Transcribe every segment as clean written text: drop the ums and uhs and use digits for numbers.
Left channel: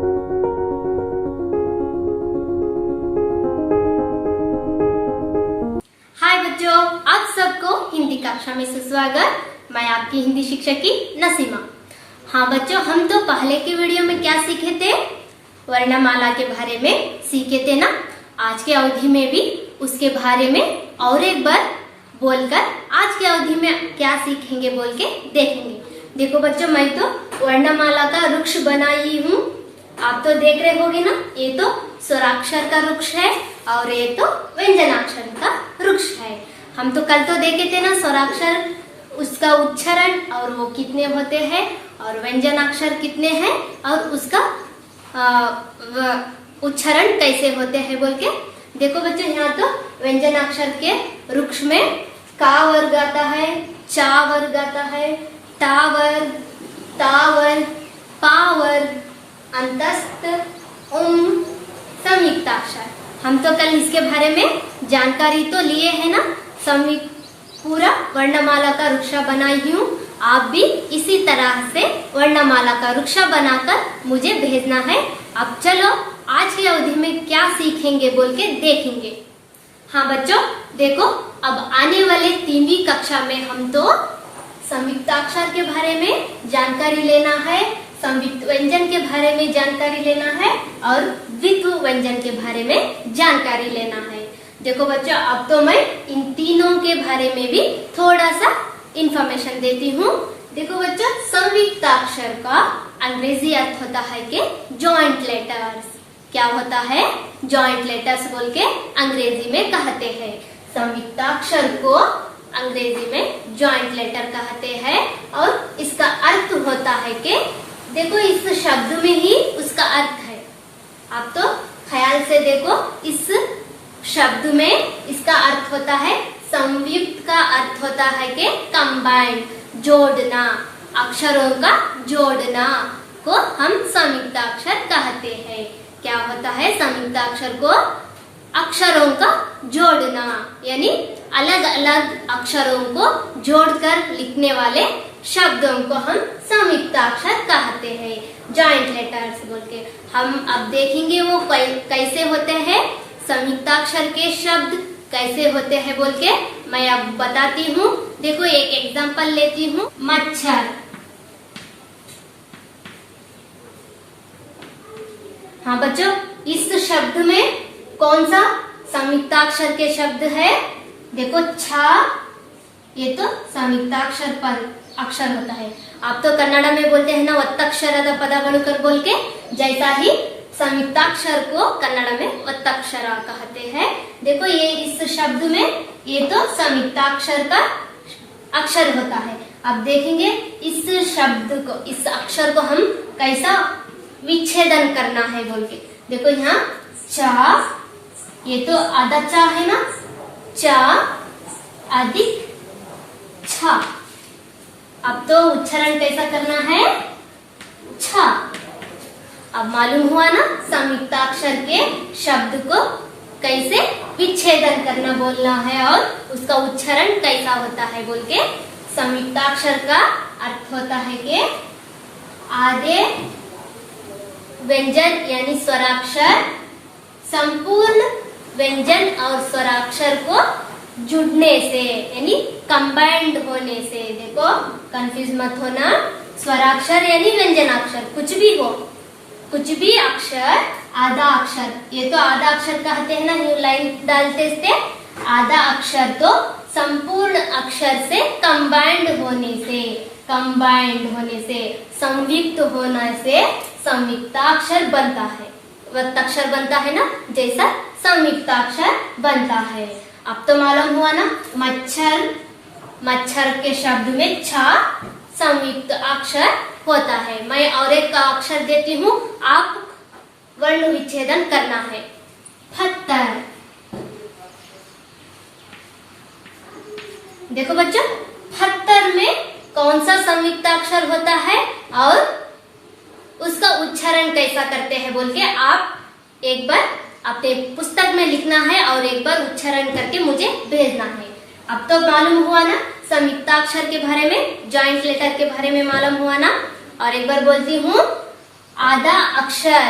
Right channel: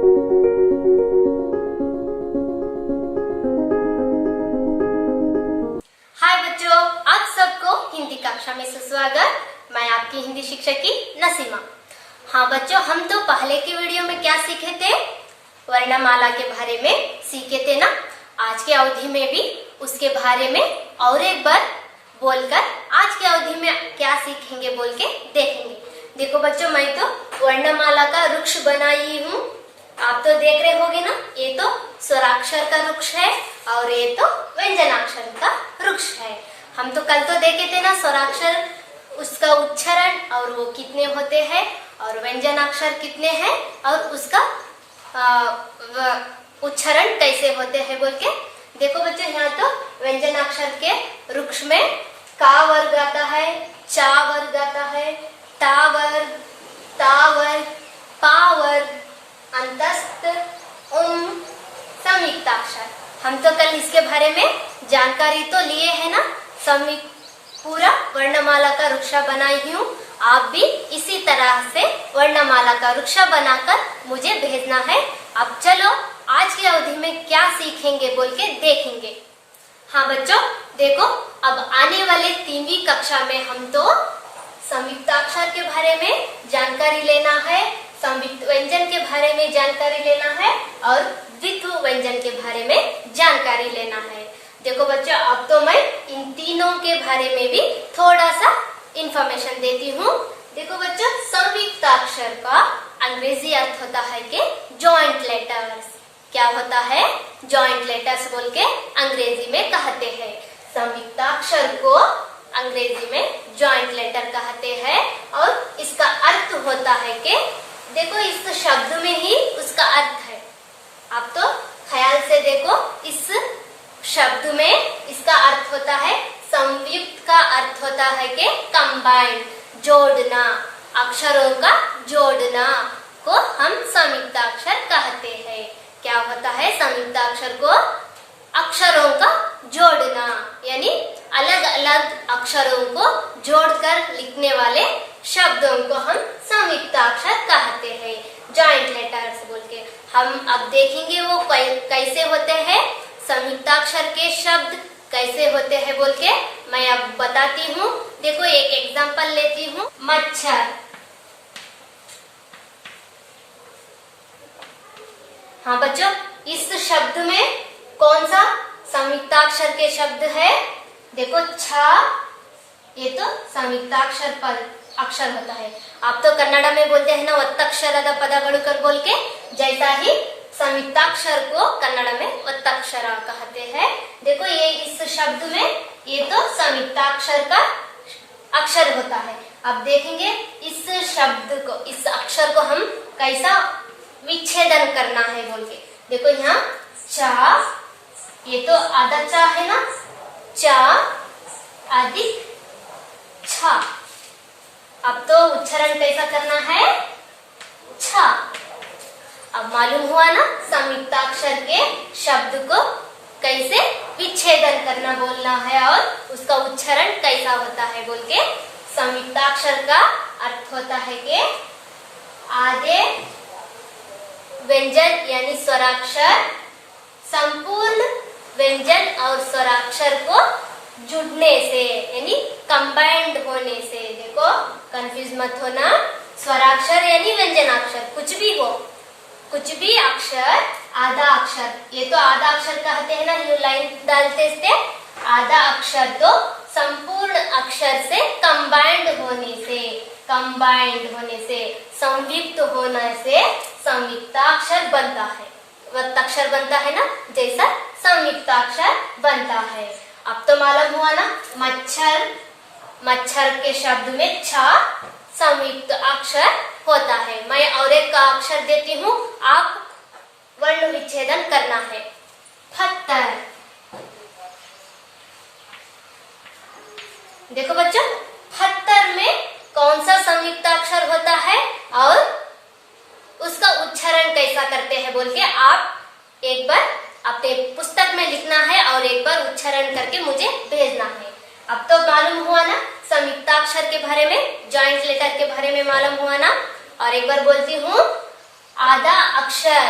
हाय बच्चों, आप सबको हिंदी कक्षा में सुस्वागत। मैं आपकी हिंदी शिक्षक की नसीमा। हाँ बच्चों, हम तो पहले की वीडियो में क्या सीखे थे? वर्णमाला के बारे में सीखे थे ना। आज के अवधि में भी उसके बारे में और एक बार बोलकर आज के अवधि में क्या सीखेंगे बोल के देखेंगे। देखो बच्चों, मैं तो वर्णमाला का वृक्ष बनाई हूँ। आप तो देख रहे होगे ना, ये तो स्वराक्षर का वृक्ष है और ये तो व्यंजनाक्षर का वृक्ष है। हम तो कल तो देखे थे ना स्वराक्षर, उसका उच्चारण और वो कितने होते हैं और व्यंजनाक्षर कितने हैं और उसका उच्चारण कैसे होते हैं बोल के। देखो बच्चों, यहाँ तो व्यंजनाक्षर के वृक्ष में का वर्ग आता है, चा वर्ग आता है, टा वर्ग, ता वर्ग, पा वर्ग, अंतस्थ, संयुक्ताक्षर। हम तो कल इसके बारे में जानकारी तो लिए है ना। पूरा वर्णमाला का वृक्ष बनाई हूँ। आप भी इसी तरह से वर्णमाला का वृक्ष बनाकर मुझे भेजना है। अब चलो आज की अवधि में क्या सीखेंगे बोल के देखेंगे। हाँ बच्चों, देखो अब आने वाले 3वीं कक्षा में हम तो संयुक्ताक्षर के बारे में जानकारी लेना है, संयुक्त व्यंजन के बारे में जानकारी लेना है और द्वित्व व्यंजन के बारे में जानकारी लेना है। देखो बच्चों, अब तो मैं इन तीनों के बारे में भी थोड़ा सा इंफॉर्मेशन देती हूँ। देखो बच्चों, संयुक्ताक्षर का अंग्रेजी अर्थ होता है कि जॉइंट लेटर्स। क्या होता है? जॉइंट लेटर्स बोल के अंग्रेजी में कहते हैं। संयुक्ताक्षर को अंग्रेजी में जॉइंट लेटर कहते हैं और इसका अर्थ होता है कि देखो इस शब्द में ही उसका अर्थ है। आप तो ख्याल से देखो, इस शब्द में इसका अर्थ होता है संयुक्त का अर्थ होता है कि कंबाइंड, जोड़ना, अक्षरों का जोड़ना को हम संयुक्ताक्षर कहते हैं। क्या होता है? संयुक्ताक्षर को अक्षरों का जोड़ना, यानी अलग अलग अक्षरों को जोड़कर लिखने वाले शब्दों को हम संयुक्ताक्षर कहते हैं, जॉइंट लेटर्स बोल के। हम अब देखेंगे वो कैसे होते हैं, संयुक्ताक्षर के शब्द कैसे होते हैं बोल के मैं अब बताती हूँ। देखो एक एग्जांपल लेती हूँ, मच्छर। हाँ बच्चों, इस शब्द में कौन सा संयुक्ताक्षर के शब्द है? देखो छा, ये तो संयुक्ताक्षर पर अक्षर होता है। आप तो कन्नड़ में बोलते हैं ना, ಒತ್ತಕ್ಷರದ ಪದಗಳು बोल के, जैसा ही संयुक्ताक्षर को कन्नड़ में ಒತ್ತಕ್ಷರ कहते हैं। देखो ये इस शब्द में ये तो संयुक्ताक्षर का अक्षर होता है। अब देखेंगे इस शब्द को, इस अक्षर को हम कैसा विच्छेदन करना है बोल के। देखो यहाँ चा, ये तो आधा चा है ना, चा अधिक छा। अब तो उच्चारण कैसा करना है? छा। अब मालूम हुआ ना संयुक्ताक्षर के शब्द को कैसे विच्छेदन करना बोलना है और उसका उच्चारण कैसा होता है बोल के। संयुक्ताक्षर का अर्थ होता है कि आधे व्यंजन यानी स्वराक्षर संपूर्ण व्यंजन और स्वराक्षर को जुड़ने से यानी कंबाइंड होने से। देखो कंफ्यूज मत होना, स्वराक्षर यानी व्यंजनाक्षर, कुछ भी हो, कुछ भी अक्षर, आधा अक्षर, ये तो आधा अक्षर कहते हैं ना, जो लाइन डालते थे, आधा अक्षर तो संपूर्ण अक्षर से कंबाइंड होने से संयुक्त होने से संयुक्ताक्षर बनता है। वक्ताक्षर बनता है ना, जैसा संयुक्ताक्षर बनता है। अब तो मालूम हुआ ना, मच्छर, मच्छर के शब्द में छा संयुक्त अक्षर होता है। मैं और एक का अक्षर देती हूँ, आप वर्ण विच्छेदन करना है। पत्थर। देखो बच्चों, पत्थर में कौन सा संयुक्ताक्षर होता है और उसका उच्चारण कैसा करते हैं बोल के आप एक बार अपने पुस्तक में लिखना है और एक बार उच्चारण करके मुझे भेजना है। अब तो मालूम हुआ ना संयुक्ताक्षर के बारे में, जॉइंट लेटर के बारे में मालूम हुआ ना। और एक बार बोलती हूँ, आधा अक्षर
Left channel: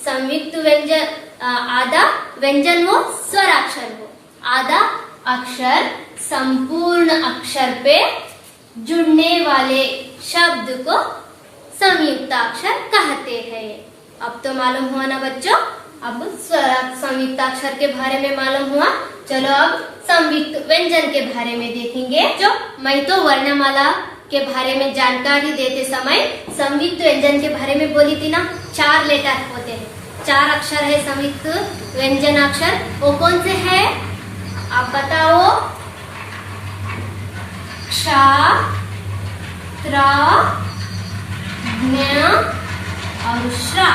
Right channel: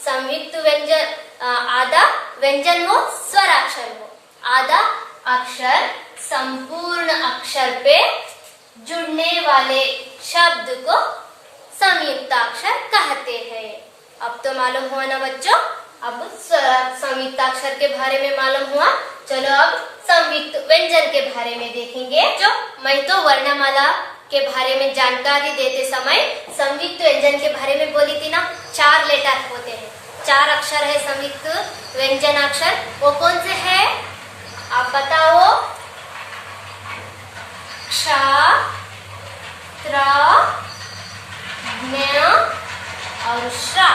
संयुक्त व्यंजन, आधा व्यंजन हो स्वराक्षर हो, आधा अक्षर संपूर्ण अक्षर पे जुड़ने वाले शब्द को संयुक्ताक्षर कहते हैं। अब तो मालूम हुआ ना बच्चों, अब संयुक्ताक्षर के बारे में मालूम हुआ। चलो अब संयुक्त व्यंजन के बारे में देखेंगे। जो मैं तो वर्णमाला के बारे में जानकारी देते समय संयुक्त व्यंजन के बारे में बोली थी ना, 4 लेटर होते हैं, 4 अक्षर है संयुक्त व्यंजनाक्षर। वो कौन से है आप बताओ? क्ष, त्र, ज्ञ और श्रा।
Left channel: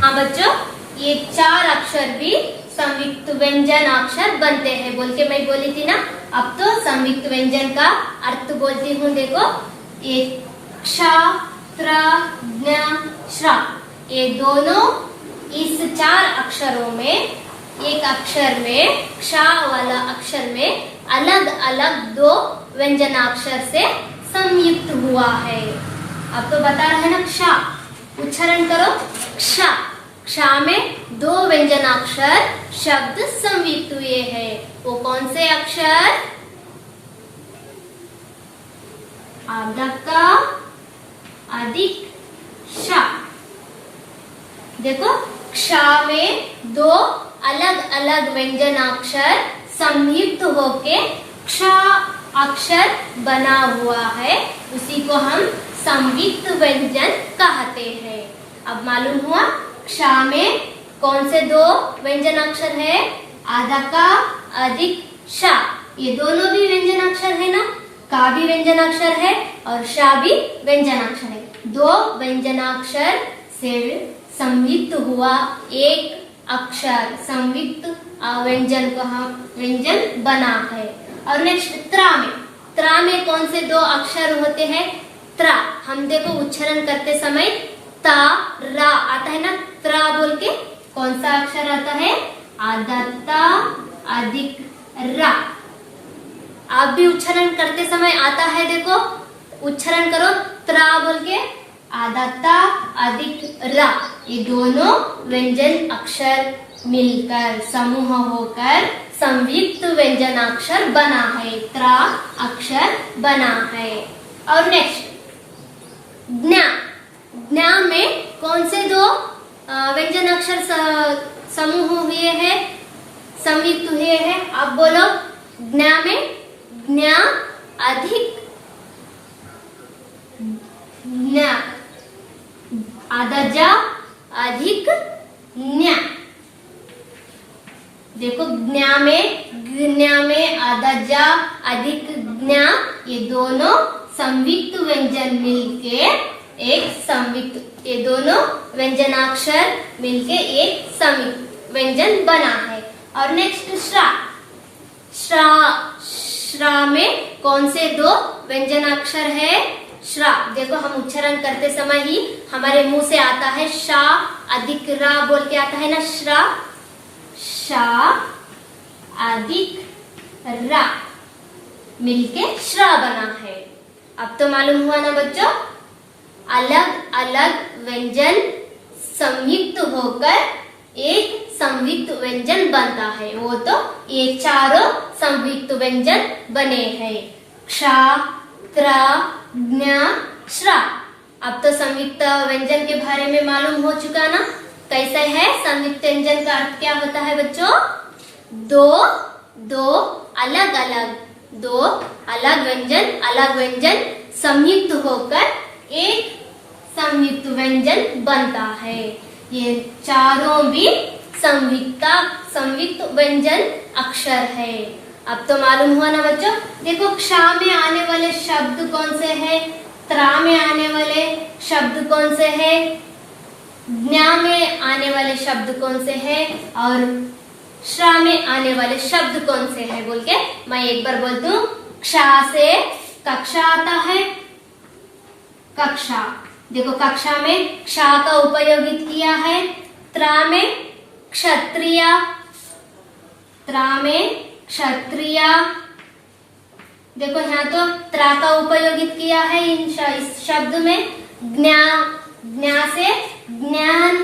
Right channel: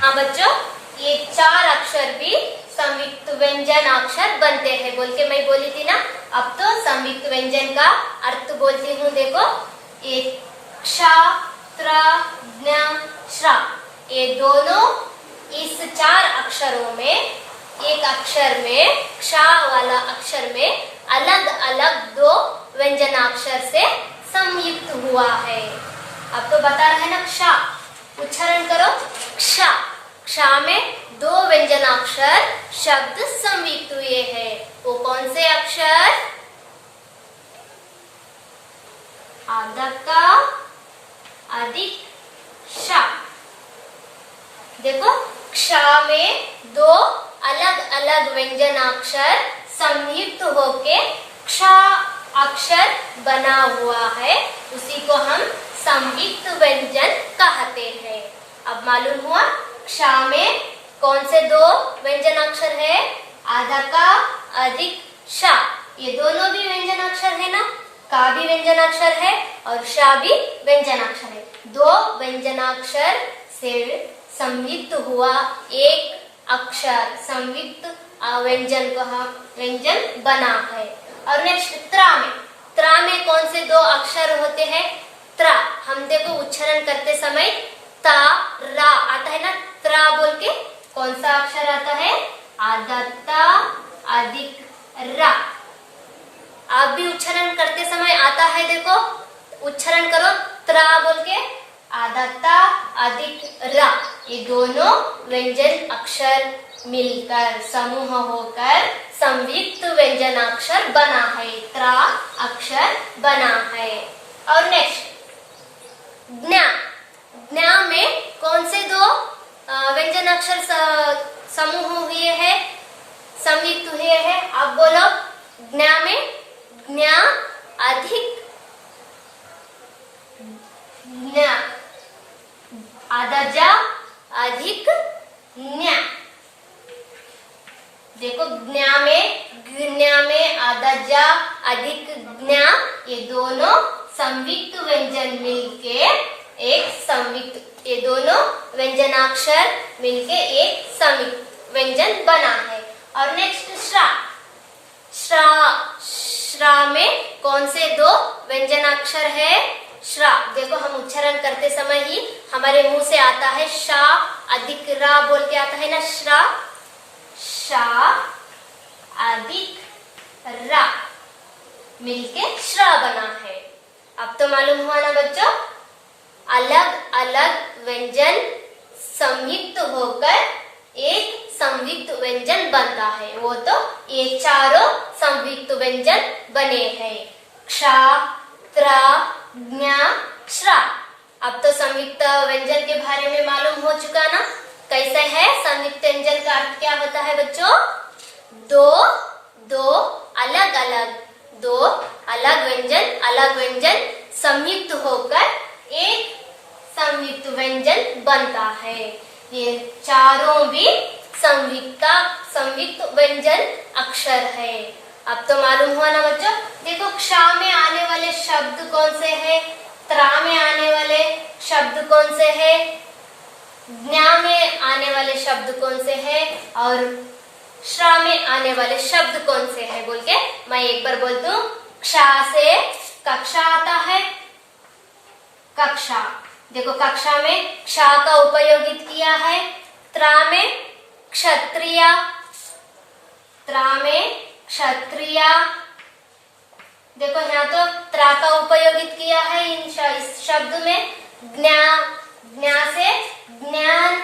हाँ बच्चों, ये 4 अक्षर भी संयुक्त व्यंजन अक्षर बनते हैं बोल के मैं बोली थी ना। अब तो संयुक्त व्यंजन का अर्थ बोलती हूँ। देखो, ये क्ष, त्र, ज्ञ, श्रा, ये दोनों इस 4 अक्षरों में, एक अक्षर में, क्ष वाला अक्षर में अलग अलग 2 व्यंजनाक्षर से संयुक्त हुआ है। अब तो बता रहे हैं ना, क्ष, उच्चारण करो क्ष। क्ष में 2 व्यंजनाक्षर शब्द संयुक्त हुए हैं। वो कौन से अक्षर? आदका, अधिक, श। देखो, क्ष में 2 अलग अलग व्यंजनाक्षर संयुक्त होके क्ष अक्षर बना हुआ है, उसी को हम संयुक्त व्यंजन कहते हैं। अब मालूम हुआ क्ष में कौन से 2 व्यंजनाक्षर है? आदका, अधिक, श। ये दोनों भी व्यंजनाक्षर है ना, का भी व्यंजनाक्षर है और शा भी व्यंजनाक्षर है। 2 व्यंजनाक्षर से संयुक्त हुआ एक अक्षर संयुक्त व्यंजन को हम व्यंजन बना है। और नेक्स्ट त्रा में कौन से 2 अक्षर होते हैं? त्रा, हम देखो उच्चारण करते समय ता रा आता है ना, त्रा बोल के कौन सा अक्षर आता है? आदत्ता, अधिक, रा। आप भी उच्चारण करते समय आता है, देखो उच्चारण करो त्रा बोल के, आदत्ता, अधिक, रा। ये दोनों व्यंजन अक्षर मिलकर समूह होकर संयुक्त व्यंजनाक्षर बना है, त्रा अक्षर बना है। और नेक्स्ट ज्ञ। ज्ञ में कौन से 2 व्यंजनाक्षर समूह हुए हैं, संयुक्त हुए हैं? आप बोलो। ज्ञ में ज्ञ, अधिक, ज्ञ, आदजा, अधिक, ज्ञ। देखो, ज्ञ में आदजा, अधिक, ज्ञ, ये दोनों संयुक्त व्यंजन मिलके एक संयुक्त, ये दोनों व्यंजनाक्षर मिलके एक संयुक्त व्यंजन बना है। और नेक्स्ट श्रा। श्रा में कौन से 2 व्यंजनाक्षर है? श्रा। देखो, हम उच्चारण करते समय ही हमारे मुंह से आता है शा, अधिक, रा बोल के आता है ना, श्रा। शा, अधिक, रा मिलके श्रा बना है। अब तो मालूम हुआ ना बच्चों, अलग अलग व्यंजन संयुक्त होकर एक संयुक्त व्यंजन बनता है। वो तो ये 4 संयुक्त व्यंजन बने हैं, क्ष, त्र, ज्ञ, श्रा। अब तो संयुक्त व्यंजन के बारे में मालूम हो चुका ना, कैसे है संयुक्त व्यंजन का अर्थ क्या होता है बच्चों? 2 अलग व्यंजन संयुक्त होकर एक संयुक्त व्यंजन बनता है। ये चारों भी संयुक्त व्यंजन अक्षर है। अब तो मालूम हुआ ना बच्चों। देखो, क्ष में आने वाले शब्द कौन से हैं? त्रा में आने वाले शब्द कौन से हैं? ज्ञ में आने वाले शब्द कौन से हैं? और श्रा में आने वाले शब्द कौन से हैं? बोल के मैं एक बार बोलती हूँ। क्ष से कक्षा आता है, कक्षा। देखो, कक्षा में क्ष का उपयोगित किया है। त्रा में क्षत्रिय, त्रा में क्षत्रिय। देखो, यहाँ तो त्रा का उपयोगित किया है इस शब्द में। ज्ञ से ज्ञान,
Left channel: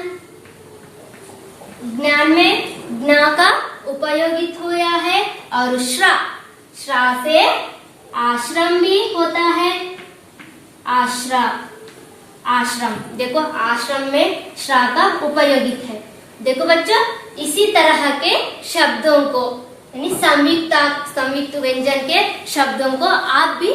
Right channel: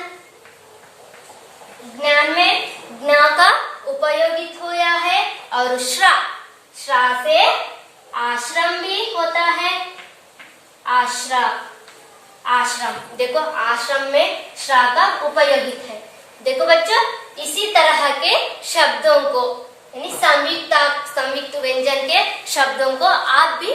ज्ञान में ज्ञा का उपयोगित हुआ है। और श्रा, श्रा से आश्रम भी होता है। आश्रा, आश्रम, देखो आश्रम में श्रा का उपयोगित है। देखो बच्चों, इसी तरह के शब्दों को यानी संयुक्त व्यंजन के शब्दों को आप भी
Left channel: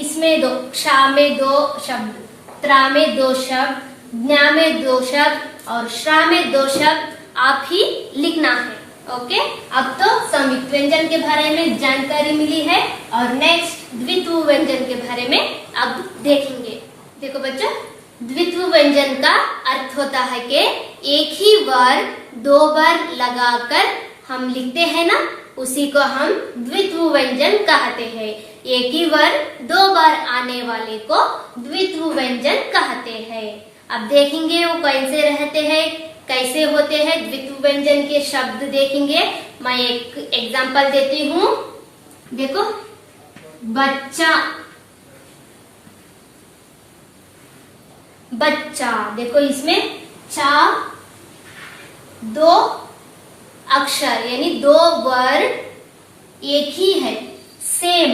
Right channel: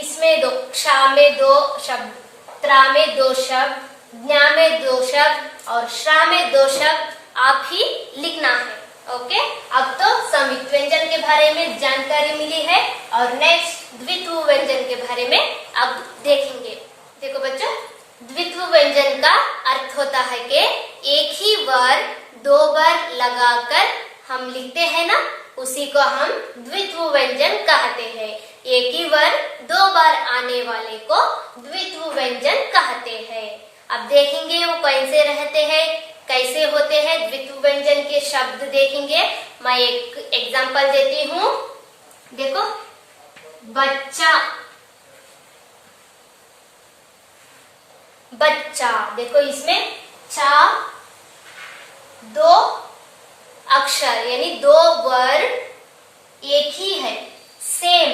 इसमें दो, क्षा में 2 शब्द, त्रा में 2 शब्द, ज्ञा में 2 शब्द और श्रा में 2 शब्द आप ही लिखना है। ओके, अब तो संयुक्त व्यंजन के बारे में जानकारी मिली है और नेक्स्ट द्वित्व व्यंजन के बारे में अब देखेंगे। देखो बच्चों, द्वित्व व्यंजन का अर्थ होता है कि एक ही वर्ड 2 बार लगाकर हम लिखते हैं ना, उसी को हम द्वित्व व्यंजन कहते हैं। एक ही वर्ड 2 बार आने वाले को द्वित्व व्यंजन कहते हैं। अब देखेंगे वो कैसे रहते हैं, कैसे होते हैं द्वित्व व्यंजन के शब्द देखेंगे। मैं एक एग्जांपल देती हूँ। देखो, बच्चा, बच्चा, देखो इसमें चा 2 अक्षर यानी 2 वर्ड एक ही है, सेम,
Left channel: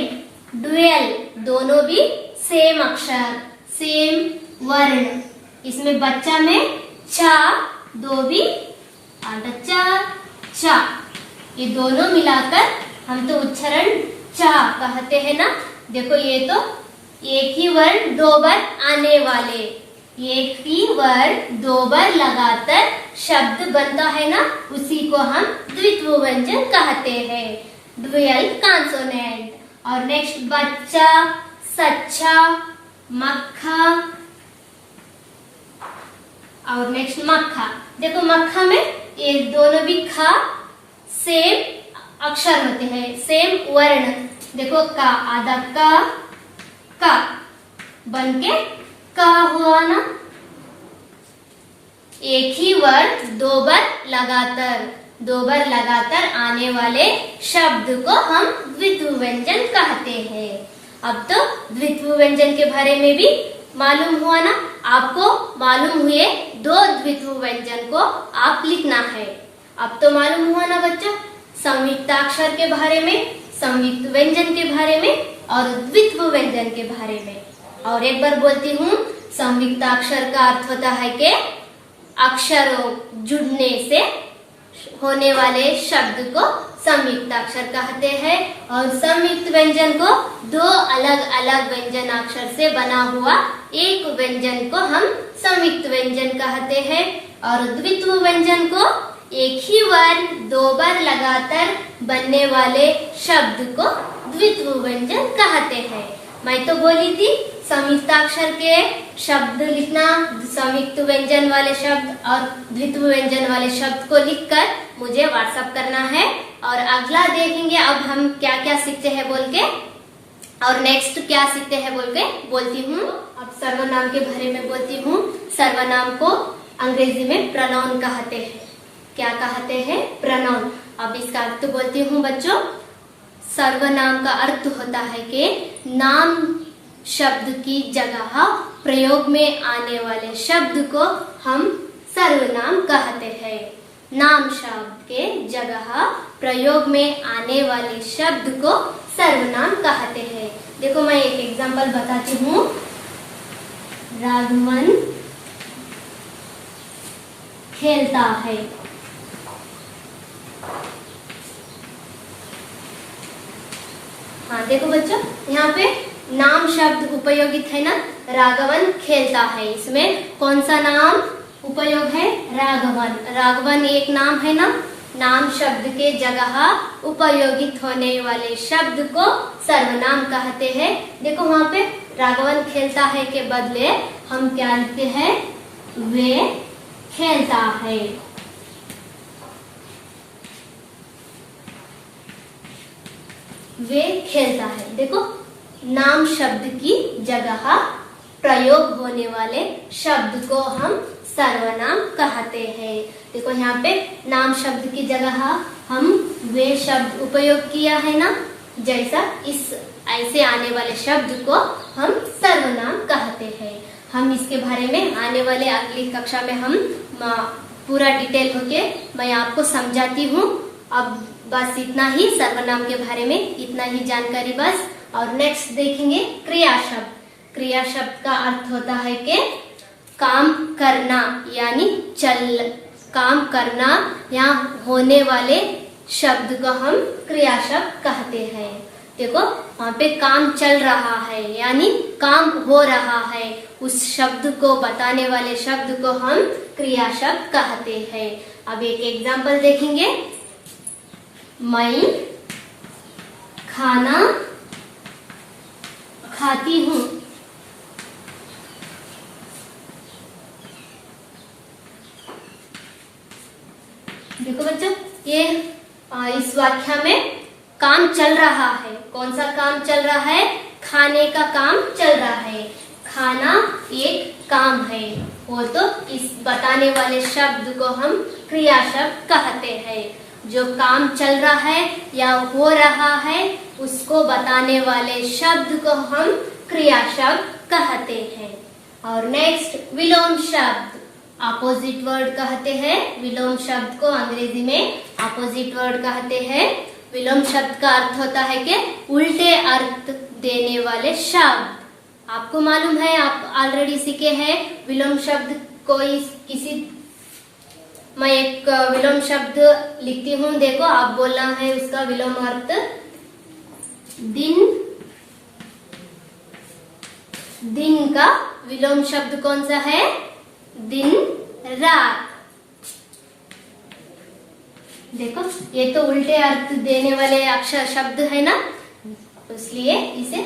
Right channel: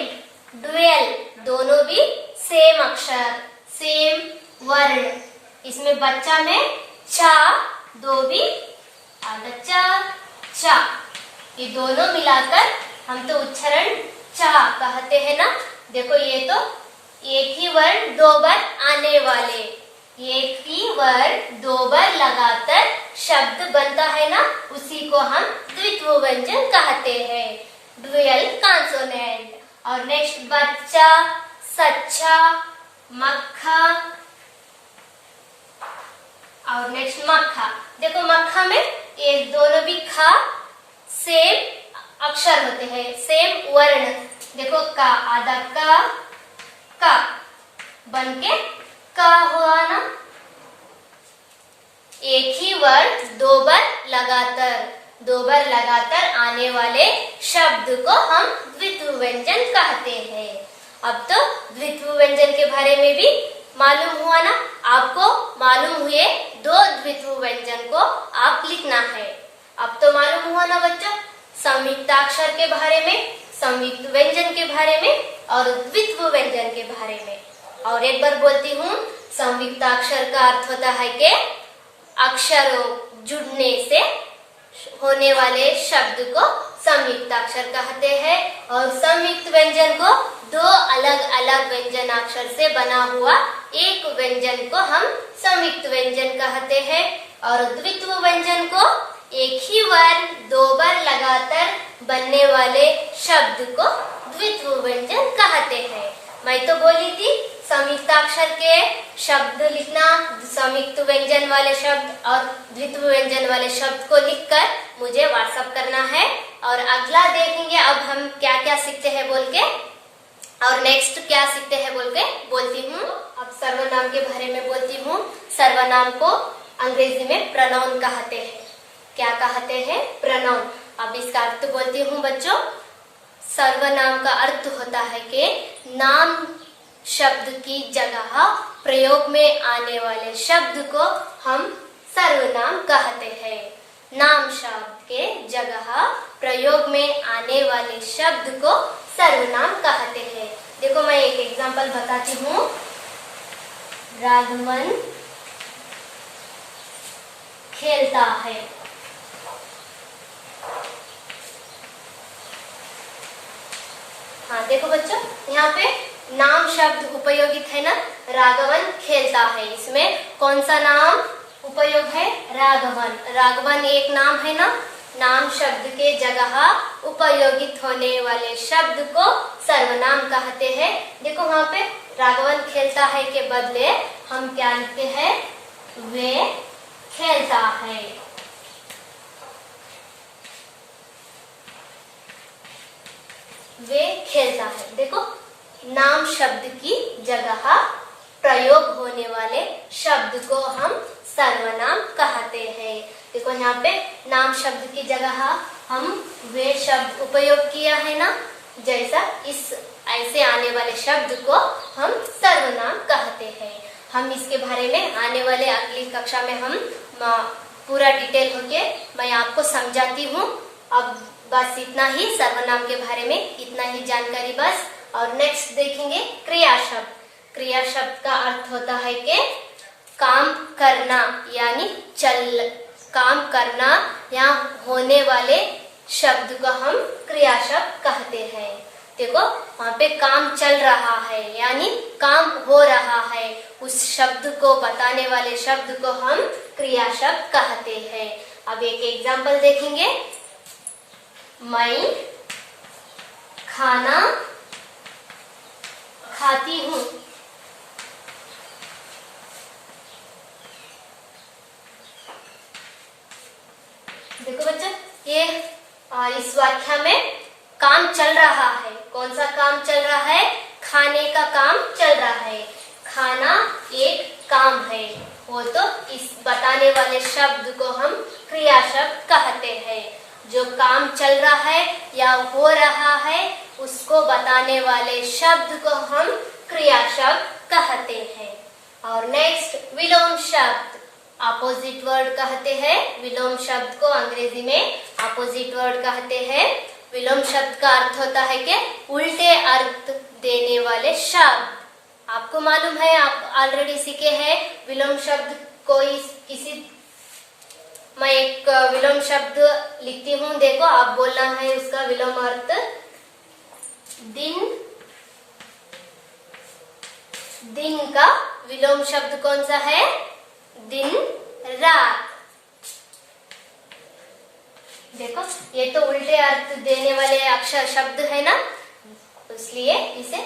ड्यूअल, दोनों भी सेम अक्षर, सेम वर्ण। इसमें बच्चा में चा 2 भी बच्चा, चा, ये दोनों मिलाकर हम तो उच्चारण चा कहते हैं ना। देखो ये तो एक ही वर्ण 2 बार आने वाले, एक ही वर्ड 2 बार लगाकर शब्द बनता है ना, उसी को हम द्वित्व व्यंजन कहते हैं, ड्यूअल कॉन्सोनेंट। और नेक्स्ट बच्चा, सच्चा, मक्खा और नेक्स्ट मक्खा। देखो मक्खा में ये दोनों भी खा सेम अक्षर होते हैं, सेम वर्ण। देखो का, आधा का बनके का हुआ ना। एक ही वर्ड 2 बार लगातार आने वाले शब्द को हम द्वित्व व्यंजन कहते हैं। अब तो द्वित्व व्यंजन के बारे में भी मालूम हुआ ना, आपको मालूम हुए 2 द्वित्व व्यंजन को आप लिखना है। अब तो मालूम हुआ ना बच्चों, संयुक्ताक्षर के बारे में, संयुक्त व्यंजन के बारे में और द्वित्व व्यंजन के बारे में। और एक बार बोलती हूँ, संयुक्ताक्षर का अर्थ होता है कि अक्षरों जुड़ने से होने वाले शब्द को संयुक्ताक्षर कहते हैं और संयुक्त व्यंजन को 2 अलग अलग व्यंजनाक्षर से बना हुआ एक व्यंजन को हम संयुक्त व्यंजन कहते हैं। और द्वित्व व्यंजन को एक ही वर्ण 2 बार लगातार बनने वाले शब्द को द्वित्व व्यंजन कहते हैं। मैं तो बोली थी संयुक्ताक्षर के शब्द लिखना, संयुक्त व्यंजन वाले शब्द और द्वित्व व्यंजन वाले शब्द को लिखकर मुझे व्हाट्सएप करना है। और अगला देखेंगे अब हम क्या क्या सीखते हैं बोल के, और नेक्स्ट क्या सीखते हैं बोल के बोलती हूँ। अब सर्वनाम के बारे में बोलती हूँ। सर्वनाम को अंग्रेजी में प्रोनाउन कहते हैं। क्या कहते हैं? प्रोनाउन। अब इसका अर्थ बोलती हूँ बच्चों। सर्वनाम का अर्थ होता है कि नाम शब्द की जगह प्रयोग में आने वाले शब्द को हम सर्वनाम कहते हैं। नाम शब्द के जगह प्रयोग में आने वाले शब्द को सर्वनाम कहते हैं। देखो मैं एक एग्जांपल बताती हूँ। राघवन खेलता है। हाँ देखो बच्चों, यहाँ पे नाम शब्द उपयोगित है ना, राघवन खेलता है। इसमें कौन सा नाम उपयोग है? राघवन। राघवन एक नाम है ना। नाम शब्द के जगह उपयोगित होने वाले शब्द को सर्वनाम कहते हैं। देखो वहाँ पे राघवन खेलता है के बदले हम क्या लिखते हैं? वे खेलता है। वे खेलता है। देखो नाम शब्द की जगह प्रयोग होने वाले शब्द को हम सर्वनाम कहते हैं। देखो यहाँ पे नाम शब्द की जगह हम वे शब्द उपयोग किया है ना, जैसा इस ऐसे आने वाले शब्द को हम सर्वनाम कहते हैं। हम इसके बारे में आने वाले अगली कक्षा में हम पूरा डिटेल होके मैं आपको समझाती हूँ। अब बस इतना ही, सर्वनाम के बारे में इतना ही जानकारी बस। और नेक्स्ट देखेंगे क्रिया शब्द। क्रिया शब्द का अर्थ होता है कि काम करना, यानी काम करना या होने वाले शब्द को हम क्रिया शब्द कहते हैं। देखो वहाँ पे काम चल रहा है यानी काम हो रहा है, उस शब्द को बताने वाले शब्द को हम क्रिया शब्द कहते हैं। अब एक एग्जाम्पल देखेंगे। मैं खाना खाती हूँ। देखो बच्चों, ये इस वाक्य में काम चल रहा है। कौन सा काम चल रहा है? खाने का काम चल रहा है। खाना एक काम है, वो तो इस बताने वाले शब्द को हम क्रिया शब्द कहते हैं। जो काम चल रहा है या हो रहा है उसको बताने वाले शब्द को हम क्रिया शब्द कहते हैं। और नेक्स्ट विलोम शब्द, अपोजिट वर्ड कहते हैं। विलोम शब्द को अंग्रेजी में अपोजिट वर्ड कहते हैं। विलोम शब्द का अर्थ होता है कि उल्टे अर्थ देने वाले शब्द। आपको मालूम है, आप ऑलरेडी सीखे हैं विलोम शब्द। कोई किसी मैं एक विलोम शब्द लिखती हूँ, देखो आप बोलना है उसका विलोम अर्थ। दिन, दिन का विलोम शब्द कौन सा है? दिन रात। देखो ये तो उल्टे अर्थ देने वाले अक्षर शब्द है ना, इसलिए इसे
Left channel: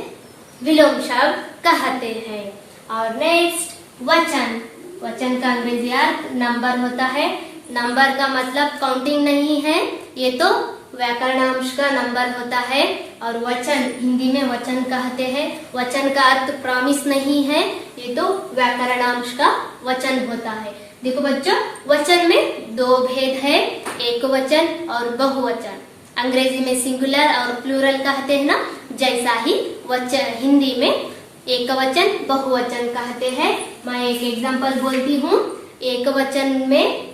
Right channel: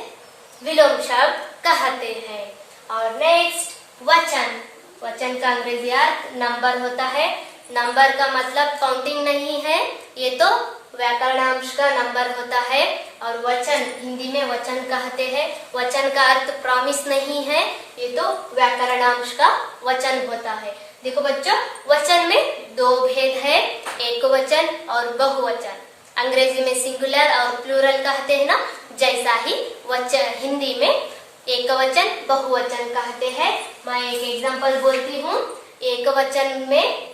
विलोम शब्द कहते हैं। और नेक्स्ट वचन। वचन का अंग्रेजी अर्थ नंबर होता है। नंबर का मतलब काउंटिंग नहीं है, ये तो व्याकरणांश का नंबर होता है। और वचन हिंदी में वचन कहते हैं। वचन का अर्थ प्रॉमिस नहीं है, ये तो व्याकरणांश का वचन होता है। देखो बच्चों, वचन में दो भेद है, एक वचन और बहुवचन। अंग्रेजी में सिंगुलर और प्लूरल कहते हैं ना, जैसा ही वचन हिंदी में एक वचन बहुवचन कहते हैं। मैं एक एग्जांपल बोलती हूँ। एक वचन में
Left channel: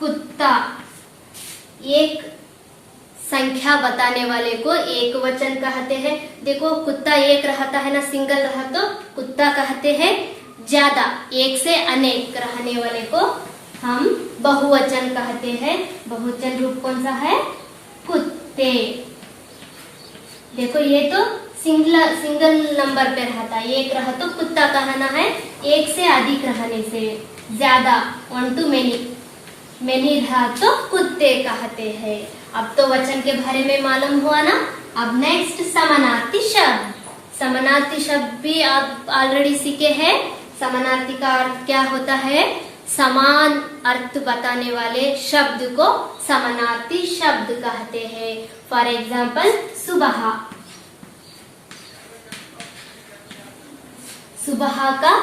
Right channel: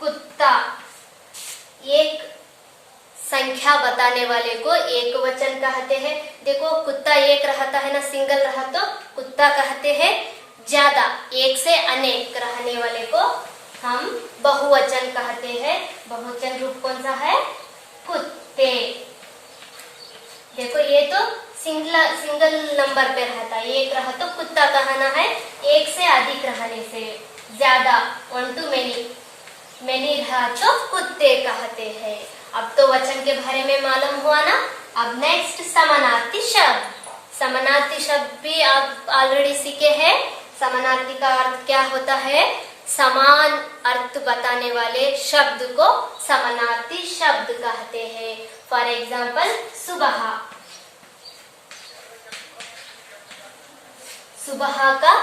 कुत्ता, एक संख्या बताने वाले को एक वचन कहते हैं। देखो कुत्ता एक रहता है ना, सिंगल रहा तो कुत्ता कहते हैं। ज्यादा, एक से अनेक रहने वाले को हम बहुवचन कहते हैं। बहुवचन रूप कौन सा है? कुत्ते। देखो ये तो सिंगल नंबर पे रहता है, एक रहा तो कुत्ता कहना है। एक से अधिक रहने से, ज्यादा, 1 to many रहा तो कुत्ते कहते हैं। अब तो वचन के बारे में मालूम हुआ ना। अब नेक्स्ट समानार्थी शब्द। समानार्थी शब्द भी आप ऑलरेडी सीखे हैं। समानार्थी का अर्थ क्या होता है? समान अर्थ बताने वाले शब्द को समानार्थी शब्द कहते हैं। फॉर एग्जाम्पल सुबह। सुबह का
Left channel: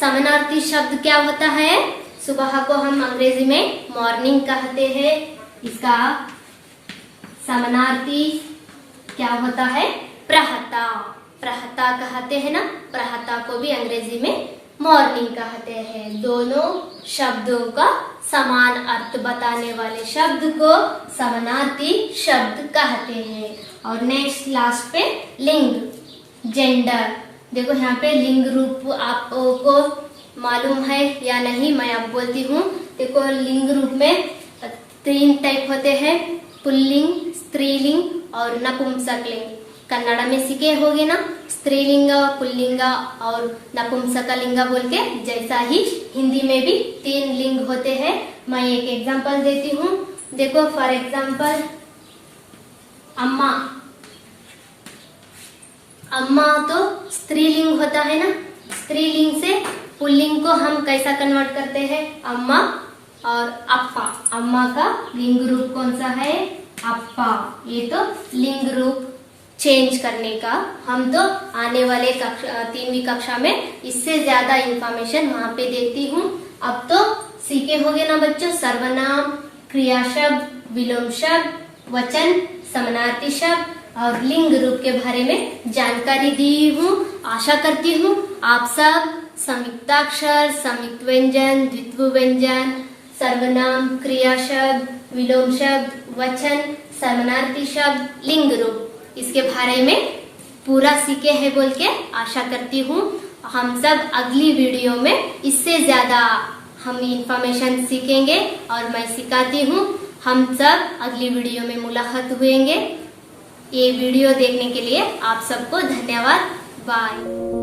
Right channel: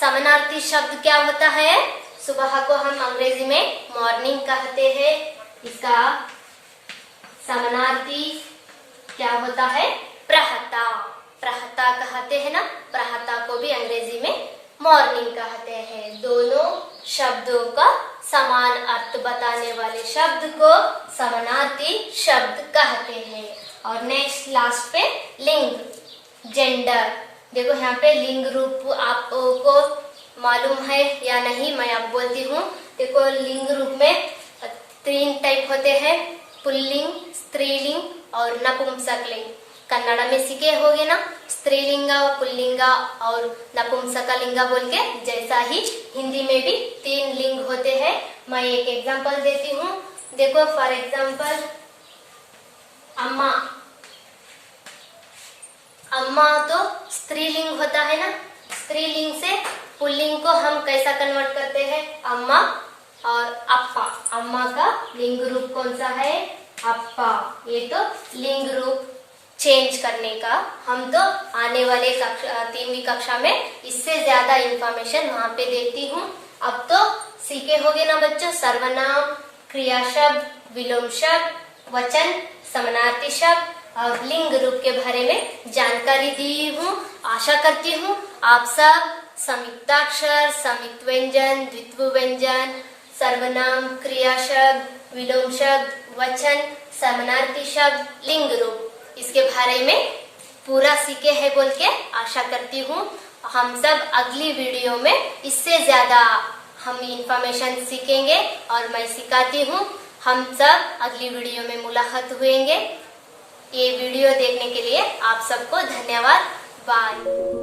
समानार्थी शब्द क्या होता है? सुबह को हम अंग्रेजी में मॉर्निंग कहते हैं। इसका समानार्थी क्या होता है? प्रहता। प्रहता कहते हैं ना, प्रहता को भी अंग्रेजी में मॉर्निंग कहते हैं। दोनों शब्दों का समान अर्थ बताने वाले शब्द को समानार्थी शब्द कहते हैं। और नेक्स्ट लास्ट पे लिंग, जेंडर। देखो यहाँ पे लिंग रूप आपको मालूम है या नहीं, मैं अब बोलती हूँ। देखो लिंग रूप में 3 टाइप होते हैं, पुल्लिंग, स्त्रीलिंग और नपुंसकलिंग। कन्नड़ में सीखे होगे ना, स्त्रीलिंग, पुल्लिंग और नपुंसकलिंग बोल के। जैसा ही हिंदी में भी 3 लिंग होते हैं। मैं एक एग्जांपल देती हूँ। देखो फॉर एग्जांपल अम्मा। अम्मा तो स्त्रीलिंग होता है ना, स्त्रीलिंग से पुल्लिंग को हम कैसा कन्वर्ट करते हैं? अम्मा और अप्पा। अम्मा का लिंग रूप कौन सा है? अप्पा। ये तो लिंग रूप चेंज करने का हम तो आने वाले 3वीं कक्षा में इससे ज्यादा इंफॉर्मेशन वहाँ पे देती हूँ। अब तो सीखे होगे ना बच्चों, सर्वनाम, क्रिया शब्द, विलोम शब्द, वचन, समानार्थी शब्द और लिंग रूप के बारे में जानकारी दी हूँ। आशा करती हूँ आप सब संयुक्ताक्षर, संयुक्त व्यंजन, द्वित्व व्यंजन, सर्वनाम, क्रिया शब्द, विलोम शब्द, वचन, समानार्थी शब्द, लिंग रूप इसके बारे में पूरा सीखे हैं बोल के आशा करती हूँ। हम सब अगली वीडियो में इससे ज्यादा हम इंफॉर्मेशन सीखेंगे और मैं सिखाती हूँ। हम सब अगली वीडियो में मुलाकात हुएंगे। ये वीडियो देखने के लिए आप सबको धन्यवाद। बाय।